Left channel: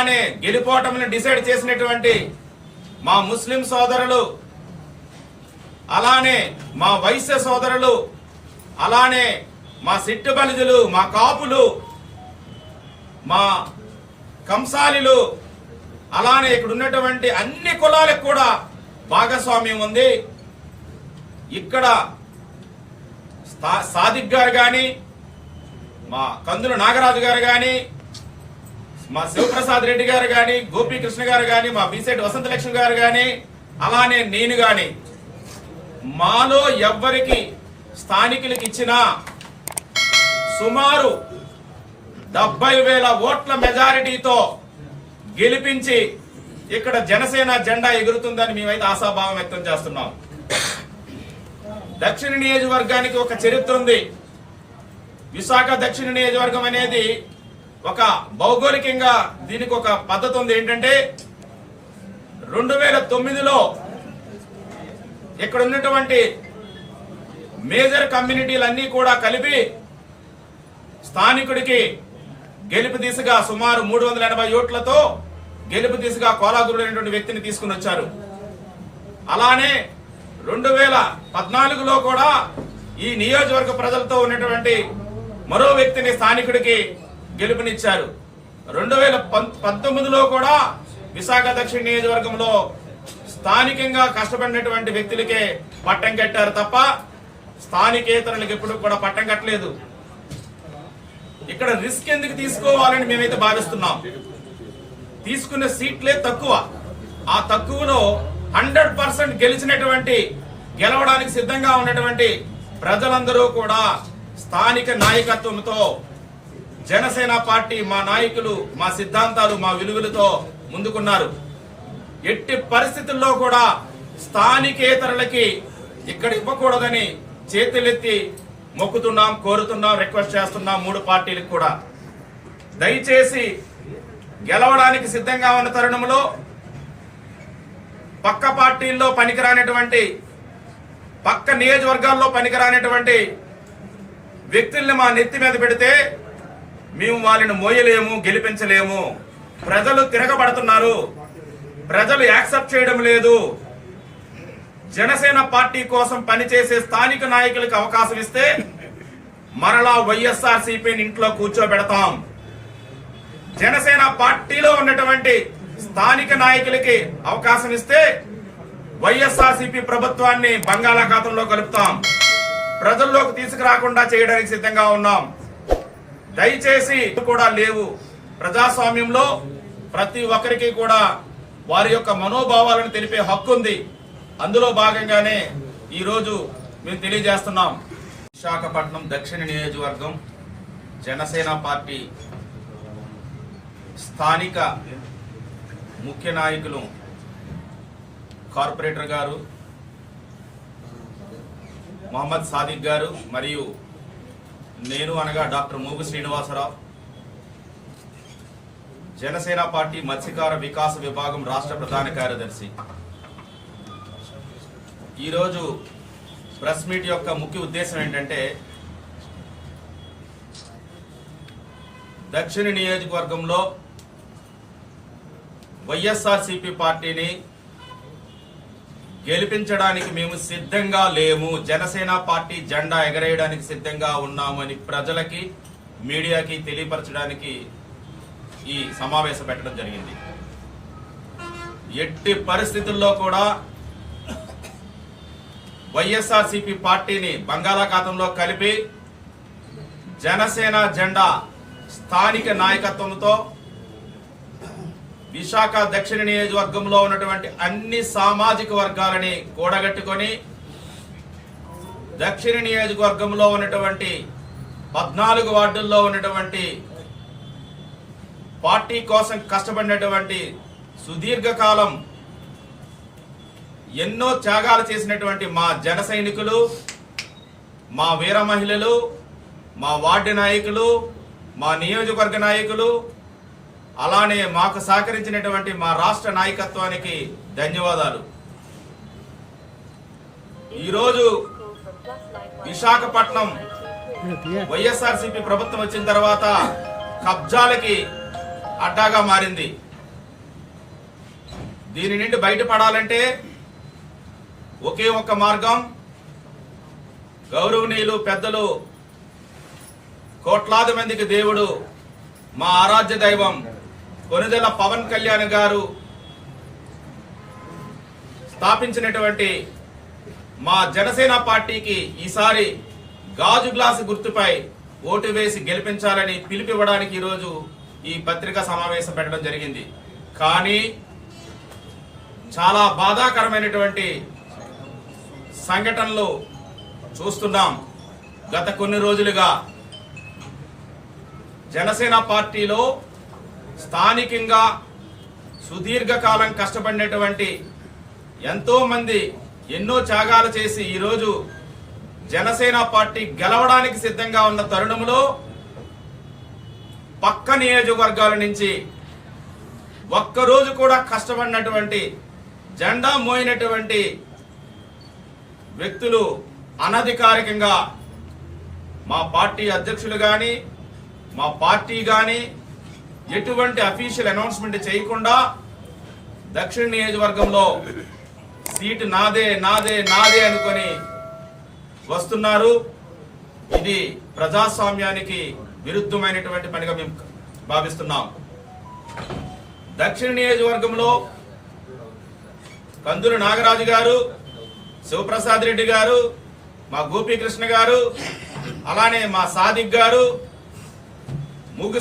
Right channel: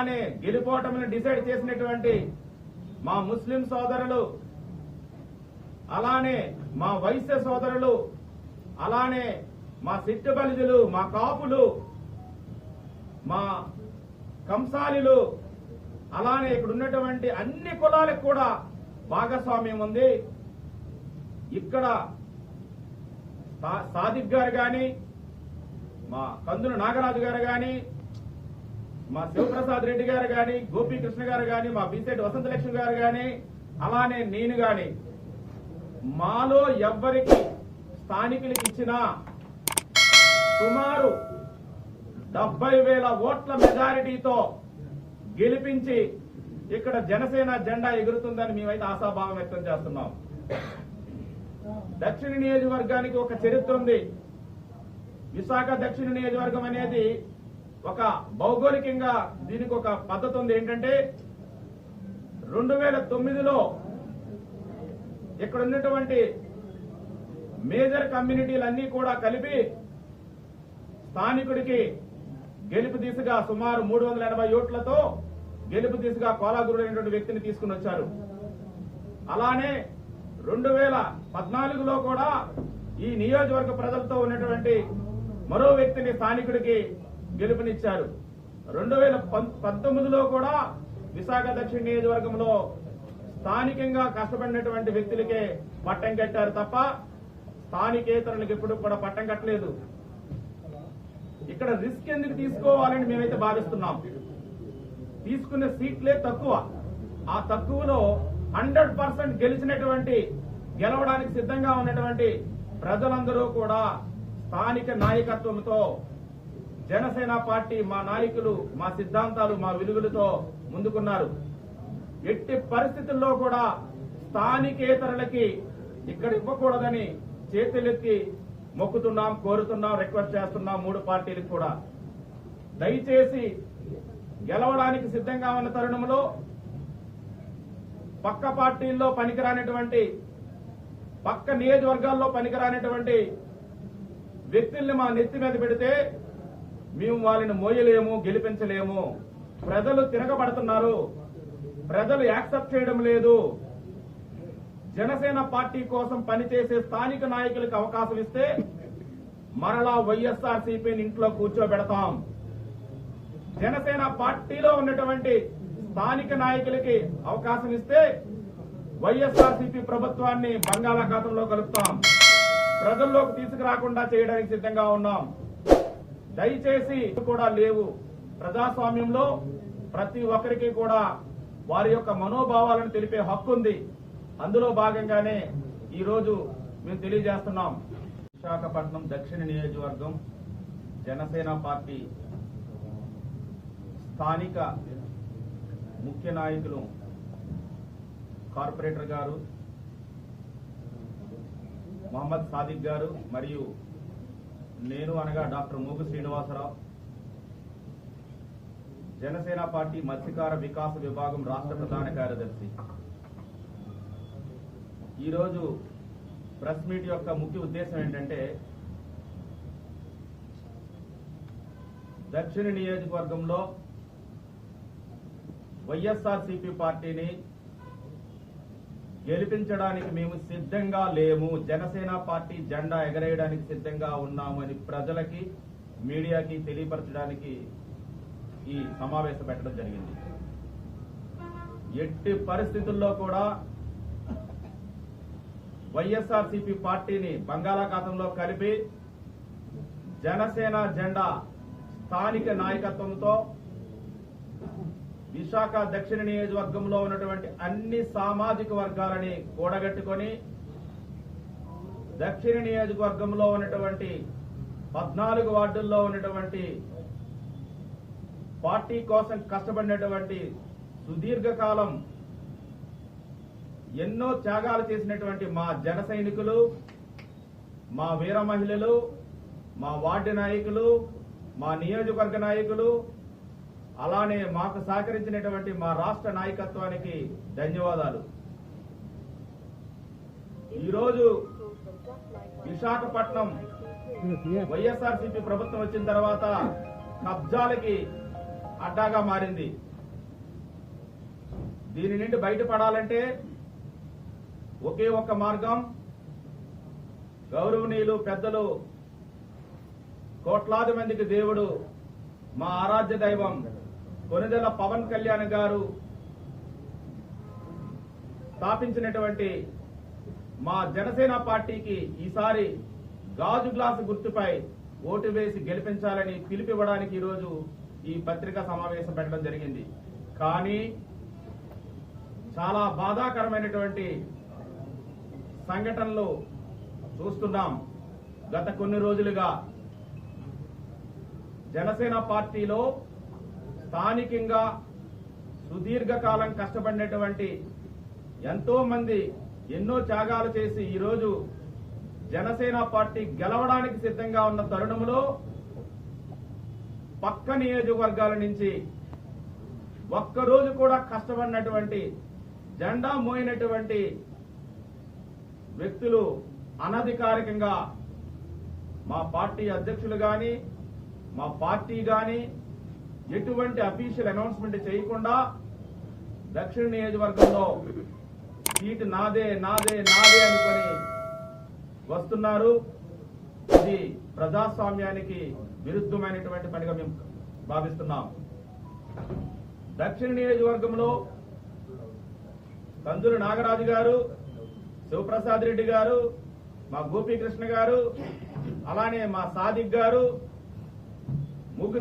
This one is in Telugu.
అలానే గెలుపోవటంని డిసైడ్ చేసినటువంటి మా ముస్లిం సోదరులు, అలానే మా వైశ్య సోదరులు, అలానే మా సిట్టు బలిజులు, మా కాపులు, మా కంసాలిలు, అలానే ఇక్కడ ఉన్నటువంటి అన్ని కులాలకు కూడా భాగస్వామ్యం ఉంది. ఇక్కడ సాదిక్ గారు కానీ, మా కందుల నాగరాజు గారు కానీ, మా శివప్రసాద్ రెడ్డి గారు కానీ, గోపీకృష్ణ గారు కానీ, మా బీసెట్ వసంతలక్ష్మి గారు కానీ, అలానే నేను కానీ, మాలో ఎవ్వరికి స్థానికులకు ఇచ్చిన సుమారు 70,000 ఓట్ల మెజారిటీతో గెలిపించి ఇక్కడ జనసేన జెండా ఎగురుతుందని మేమైతే ఆశాభావం వ్యక్తం చేస్తున్నాం. దక్షిణ నియోజకవర్గానికి ఒక చరిత్ర ఉంది. విశాఖ దక్షిణ నియోజకవర్గం అనేది ఒక భౌగోళికంగా దీనికి ఒక పద్ధతి ఉంది. ఏంటంటే 2009లో ఇక్కడ ఉన్నటువంటి మేజర్ కమ్యూనిటీలన్నీ కూడా కలిపి స్థానికుడికి గెలుపు దిశగా సుమారు 380 ఓట్లతో గెలుపు దిశగా కోలాగురు అనేటువంటి వ్యక్తిని తీసుకుని వచ్చారు. అలానే 2014లో కూడా ఈ నియోజకవర్గ ప్రజలతో ఉన్నటువంటి మరో వ్యక్తిని స్థానికుడికి గెలుపునిచ్చారు. 2019లో కూడా విశాఖ దక్షిణ నియోజకవర్గంలో స్థానికంగా కష్టపడినటువంటి వ్యక్తులకే పట్టం కట్టారు తప్ప స్థానికేతరులకు ఎప్పుడు కూడా పట్టం కట్టలేదు. ఇక్కడ రిస్క్ ఎందుకు తీసుకోవాలని మేమైతే భావిస్తున్నాం. తీసుకున్న సీట్లే తక్కువ. ఆ తక్కువలో 100% గెలవడానికి సిద్ధంగా ఉన్నటువంటి ప్రజలందరూ కూడా స్థానిక నాయకత్వంతో జనసేన పార్టీ, మా నాయకులు, మా సిద్ధాంతాలు, మా విలువలతో ముందుకున్నారు. ఎట్టి పరిస్థితుల్లో కూడా స్థానికేతరులకి ఇక్కడ ఇవ్వకూడదని చేతులెత్తి మొక్కుతున్నాం, కోరుతున్నాం, రిక్వెస్ట్ చేస్తున్నాం. 3 పార్టీలకు కూడా దయచేసి గెలవడానికి సిద్ధంగా ఉన్న తరుణంలో పక్క పార్టీల్లో పనికిరానటువంటి, పక్క నియోజకవర్గాల్లో పనికిరానటువంటి వ్యక్తుల్ని మా నెత్తి మీద పెడితే మేము వాళ్ళని మోయలేము, గెలిపించలేము. ప్రజలు తిరగబడుతున్నారు, ప్రజలు యాక్సెప్ట్ చేయడం లేదు. జనసేన పార్టీ కోసం పనిచేసే స్థానిక నాయకులకు అవకాశం ఇస్తే మరలా వైఎస్ఆర్సీపీని ఇంట్లో కూర్చోబెడతాం. జనసేన పార్టీలో ఉన్నటువంటి స్థానిక నాయకులకి అవకాశం ఇస్తే వైఎస్ఆర్సీపీ ప్రభుత్వాన్ని బంగాళాఖాతంలో కలుపుతాం. ప్రజల్లోకి తీసుకురాకుండా చేయడానికి సిద్ధంగా ఉన్నాం. దయచేసి కూడా లేవు. ప్రజాస్వామ్యంలో ప్రతి ఒక్కరికి కూడా వారి యొక్క మనోభావాలను తెలిపే హక్కు ఉంది. అందులో భాగంగానే ఈరోజు మేము తెలియజేస్తున్నాం. విశాఖపట్నం దక్షిణ నియోజకవర్గం జనసేన పార్టీ స్థానిక ముఖ్య నాయకులు కార్పొరేటర్ గారు మొహమ్మద్ సాదిక్ గారు మరియు నేను అనగా డాక్టర్ మూగు శ్రీనివాసరావు, జనసేన పార్టీ మత్స్యకార వికాస విభాగం రాష్ట్ర ప్రధాన కార్యదర్శి. ఈరోజు ప్రెస్ మీట్ యొక్క ముఖ్య ఉద్దేశం ఏంటంటే దక్షిణ నియోజకవర్గంలో వైఎస్ఆర్సీపీ పార్టీని గెలిపించడానికి మేము సిద్ధంగా లేము, జనసేన పార్టీ జెండా ఎగరేయడానికి సిద్ధంగా ఉన్నామని ప్రజలకి, మీడియాకి తెలియపరచడానికి ఈ సమావేశం పెట్టడం జరిగింది. ఎట్టి పరిస్థితుల్లో కూడా వైఎస్ఆర్సీపీ పార్టీని బంగాళాఖాతంలో కలిపి జనసేన జెండా స్థానిక నాయకత్వంతో విశాఖ దక్షిణ నియోజకవర్గంలో ఉన్నటువంటి అన్ని సామాజిక వర్గాలని కూడగట్టుకొని దక్షిణ నియోజకవర్గంలో ఉన్నటువంటి 14 వార్డుల్లో ఉన్నటువంటి పార్టీ కోసం కష్టపడినటువంటి, సుదీర్ఘకాలం ఎన్నో త్యాగాలు చేసినటువంటి మా జన సైనికులు, మా వీర మహిళలు, మా వార్డు నాయకులు, మా నియోజకవర్గ నాయకులు, అలానే మాకు సహకరించినటువంటి మా రాష్ట్ర నాయకత్వానికి ధన్యవాదాలు. ఈరోజు విశాఖపట్నం వైఎస్ఆర్సీపీ ప్రభుత్వం వచ్చిన తర్వాత కబ్జాలకి అడ్డాగా మారింది. దీని నుండి బయటపడాలంటే ఒకే ఒక్క మార్గం, గౌరవనీయులు పెద్దలు, కోట్లాది మందికి దేవుడు, మా ఆరాధ్య దైవం కొనిదెల పవన్ కళ్యాణ్ గారు స్థాపించినటువంటి మా జనసేన పార్టీకి ఈసారి గాజు గ్లాసు గుర్తుపై ఓటు వేసి గెలిపించాలని పిలుపివ్వడానికి ఈరోజు ఈ పత్రికా సమావేశం పెట్టడం జరిగింది. కానీ చాలా బాధాకరమైనటువంటి సంఘటనలు చూస్తున్నాం. గత కొన్ని రోజులుగా జనసేన పార్టీలో స్థానికంగా సుదీర్ఘకాలం కష్టపడినటువంటి ఎంతో మంది ఎన్నో త్యాగాలు చేసి ఈరోజు జనసేన పార్టీ గెలవడానికి సిద్ధంగా ఉన్న తరుణంలో పక్క నియోజకవర్గాల నుంచి ఒక్కరోజు కూడా కష్టపడినటువంటి, జెండా మోయినటువంటి వ్యక్తులు అనధికారికంగా మా పార్టీ అధ్యక్షులు కానీ మా పార్టీ కానీ ఎటువంటి అఫీషియల్ అనౌన్స్మెంట్ చేయకుండా దక్షిణ నియోజకవర్గంలో సీటు నాదే నాదే నాదే అనుకొని వస్తున్నారు. ఇది ప్రజాస్వామ్యానికి విరుద్ధమైనటువంటి పనిగా మేము భావిస్తున్నాం. దక్షిణ నియోజకవర్గంలో కందులు నాగరాజు గారు, శివప్రసాద్ రెడ్డి గారు, మా గోపీకృష్ణ గారు, అలానే మా సాదిక్ గారు, ముగ్గు